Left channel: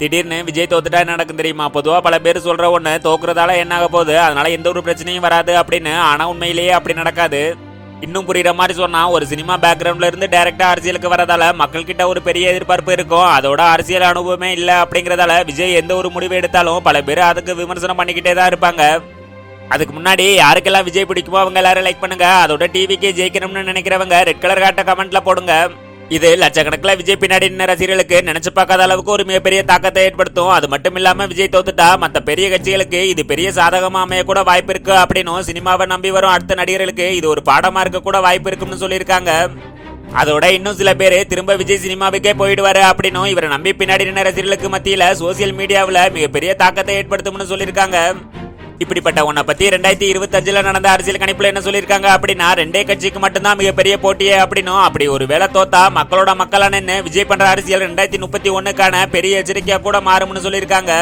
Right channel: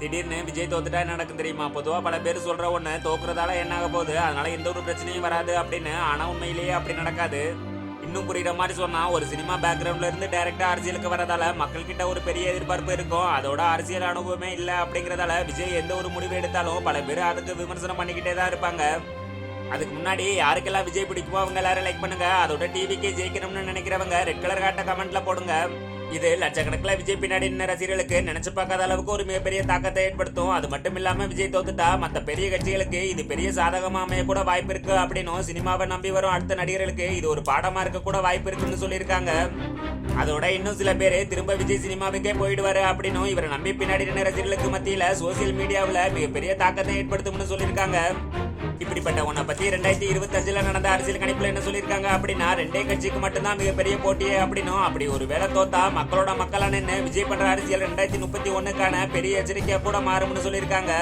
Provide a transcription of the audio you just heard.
திடீர்னு விஜய் தோத்துட்டா என்ன நடக்கும் தெரியுமா? பொதுவா பல பேர் சொல்ற ஒண்ணு தோக்குறதால என்ன ஆக போகுது, அதனால எந்த ஒரு பிரச்சனையும் வராது அப்படின்னு. ஆனா உண்மையிலேயே அப்படி நடக்காது. இன்னும் புரியுற மாதிரி சொன்னா, ஒரு சினிமா பேக்ரவுண்ட்ல இருந்து டைரக்டா அரசியலுக்கு வரதால மக்கள் கிட்ட ஒரு பெரிய எதிர்பார்ப்பு இருக்கும். அதோட அரசியல் அனுபவமே இல்ல அப்படிங்கறதால விஜய் எந்த ஒரு முடிவு எடுத்தாலும் பல பேர் அதுக்கு விமர்சனம் பண்ணிக்கிட்டே தான் இருப்பாங்க. அதுக்கு முன்னாடி யாருக்கெல்லாம் விஜய் பிடிக்குமோ அவங்க எல்லாரும் லைக் பண்ணுங்க. அதோட டிவிக்கே ஜெயிக்கணும்னு நினைக்கிறவங்க ரெட் கலர் காட்ட கமெண்ட்ல போடுங்க. இது லட்சக்கணக்கில் விஜய் பின்னாடி நின்ன ரசிகர்களுக்கு நினைச்சு பார்க்காத அளவுக்கு ஒரு மிகப்பெரிய தாக்கத்தை ஏற்படுத்தும். அது மட்டும் இல்லாம விஜய் தோத்துட்டா மற்ற பெரிய கட்சிகளுக்கு இது பெரிய சாதகமா அமைய கூட வாய்ப்பு இருக்கு அப்படின்னும், சினிமாவை நம்பி வரும் அடுத்த நடிகர்களுக்கு இது ஒரு பாடமா இருக்க கூட வாய்ப்பு இருக்குன்னு சொல்லியிருக்காங்க. அதோட இன்னும் சில பேர் திரும்ப விஜய் சினிமாவுக்கே போயிடுவாரு அப்படின்னும், இவரை நம்பி பின்னாடி நின்ன ரசிகர்களுக்கு மத்தியில சோசியல் மீடியாவில் மிகப்பெரிய தாக்கத்தை ஏற்படுத்தும்னு சொல்லியிருக்காங்க. இப்படிப்பட்ட உன்னை பத்தி 2025 நடந்த அரசியல் கணிப்புல என்ன சொல்லியிருக்காங்க அப்படின்னா, ரெண்டே கட்சிக்கு மட்டும்தான் மிகப்பெரிய போட்டியே அப்படின்னும், அப்படி ஒரு வேலை தோத்தா மக்களோட மக்களா நின்று விஜய் பண்ற அரசியல் 2031க்கான பெரிய எச்சரிக்கையா கூட மாறும்னு சொல்லியிருக்காங்க.